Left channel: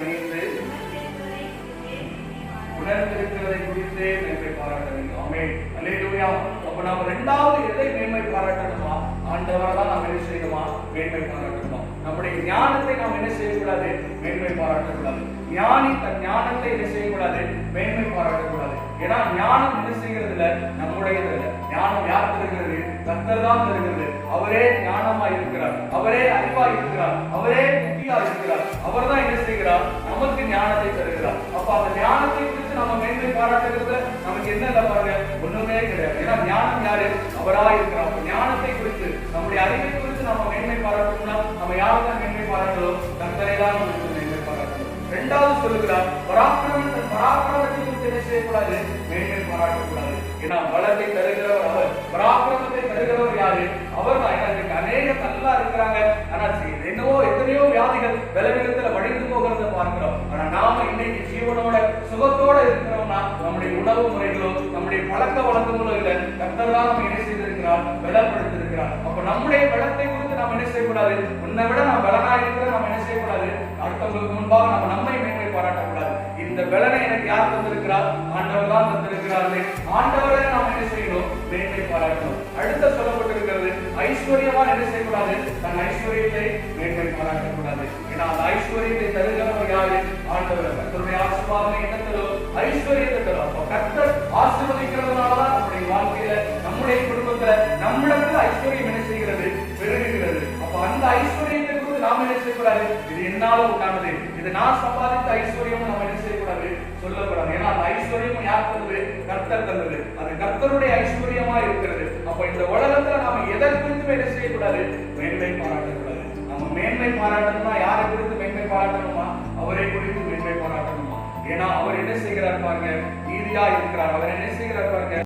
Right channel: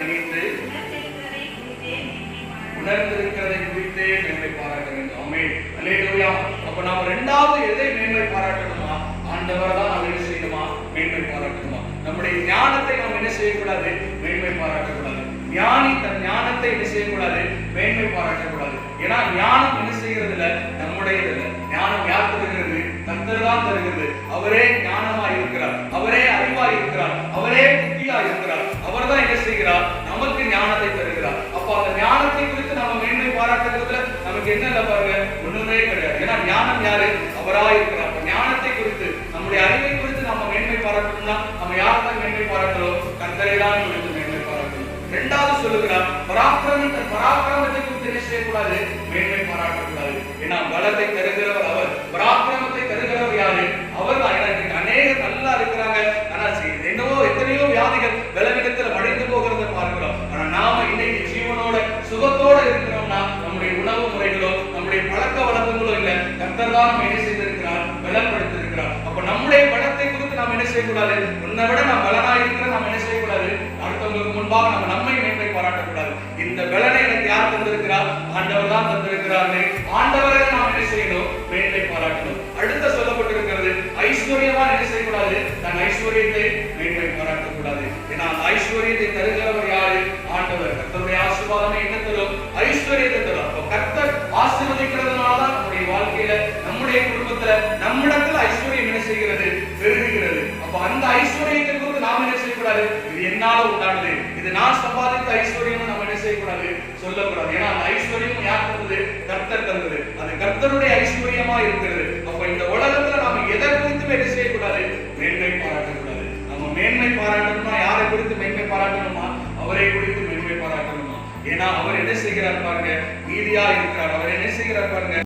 அறிந்து உணர்ந்திருக்கிறதை குறித்தே மேன்மை பாராட்ட வேண்டும். ஆமென். அல்லேலூயா. அப்ப நாம ரெண்டாவது எதை மேன்மை பாராட்டணுமா? ஆண்டவர் தான் நாம் என்ன செய்யணுமா? மேன்மை பாராட்டணுமா? நம்முடைய ஞானத்தை நாம் என்ன செய்யக்கூடாது? மேன்மை பாராட்டக்கூடாது. ஞானி தன் ஞானத்தை என்ன செய்யக்கூடாது? மேன்மை பாராட்டக்கூடாது. ஏன்னா ஞானம் என்ன செய்கிறது இல்ல நம்முடையது இல்ல ஞானம் யார் தருகிறது? கத்தர் தான் தருகிறது. அவரே ஞானமா இருக்கிறார் அவரே அறிவா இருக்கிறார் அவரே அந்த ஞானத்தை குறித்து நம்ம மேன்மை பாராட்டுறதுல நமக்கு என்ன இல்ல பாருங்க? ஒண்ணுமே கிடையாது. ஏன்னா ஞானம் யாரு? அவரா இருக்கிறார். அப்ப ஞானத்தை குறித்து நம்முடைய அறிவை குறித்து நம்ம மேன்மை பாராட்டணும்னா நம்ம யாரெல்லாம் மேன்மை பாராட்டலோ கர்த்தரை தான் குறித்து மேன்மை பாராட்டணும். ரெண்டாவது சொல்லுகிறார் பராக்கிரமம் தன் பராக்கிரமத்தை குறித்து என்ன செய்யக்கூடாது? மேன்மை பாராட்டக்கூடாது. ஏன்னா பலத்தை தருகிறவர் அவர். பராக்கிரமத்தை தருகிறவர் யாரு? அவர் தான் ஏன்னா இன்னைக்கு அநேக நல்லா இருக்கிறாங்க. ஆனா என்னவோ எத்தனையோ வியாதிகள் பலவீனத்துல உணவு முறைகளோ நம்முடைய பழக்க வழக்கங்களோ இல்ல கர்த்தர் தான் நம்ம என்ன செய்திருக்கிறார் பலப்படுத்திருக்கிறார் அப்ப நம்முடைய பலத்தை குறித்து நாம் என்ன செய்யக்கூடாது? உன்னை விட நாம் பலனா இருக்கிற நாம் என்ன செய்யக்கூடாது? அடுத்தவங்களுக்கு முன்பாக நம்ம நம்மை மேன்மை பாராட்டக்கூடாது. இந்த பலனை எனக்கு யார் தந்திருக்கிறார்? ஆண்டவர் தான் தந்திருக்கிறாரு ஆண்டவரை நாம் என்ன செய்யணும்? மேன்மை பாராட்டணும். அடுத்த சொல்லப்பட்டிருக்கிறது ஐஸ்வர்யமா என்ன செய்யக்கூடாது? தன் ஐஸ்வர்யத்தை மேன்மை பாராட்டக்கூடாது. ஏன்னா ஐஸ்வர்யத்தை தருகிறவர் யாரு ஆண்டவர். கர்த்தருடைய ஆசீர்வாதமே என்ன தரும்? ஐஸ்வர்யத்தை தரும். அப்ப கர்த்தர் ஆசீர்வதிக்கிறதுனால தான் நம்முடைய வாழ்க்கையில நம்முடைய குடும்பத்துல நம்மிடத்துல ஐஸ்வர்யம் என்ன செய்கிறது? பெருகுகிறது. அப்ப அந்த ஐஸ்வர்யத்தை குறித்து நாம் என்ன செய்யக்கூடாது? இது என்னால உண்டானது. இது நான் சம்பாதித்த ஐஸ்வர்யம் நம்ம என்ன செய்யக்கூடாது? சொல்லக்கூடாது. ஏன்னா அந்த ஐஸ்வர்யம் யார் தந்தது? கர்த்தர் தந்தது. அது கர்த்தருடைய ஐஸ்வர்யமா இருக்கிறது. அப்ப இந்த உலகத்துல நாம எதை குறித்து என்ன செய்யக்கூடாது? மேன்மை பாராட்டக்கூடாது. நம்ம மேன்மை பாராட்டணும்னா யாரை குறித்து மேன்மை பாராட்டணுமா? அவரை குறித்து மேன்மை பாராட்டணுமா? ஏன்னா அவர் என்ன செய்கிறார் பாருங்க நீதியா இருக்கிறார். அவர் என்ன செய்கிறார் பாருங்க?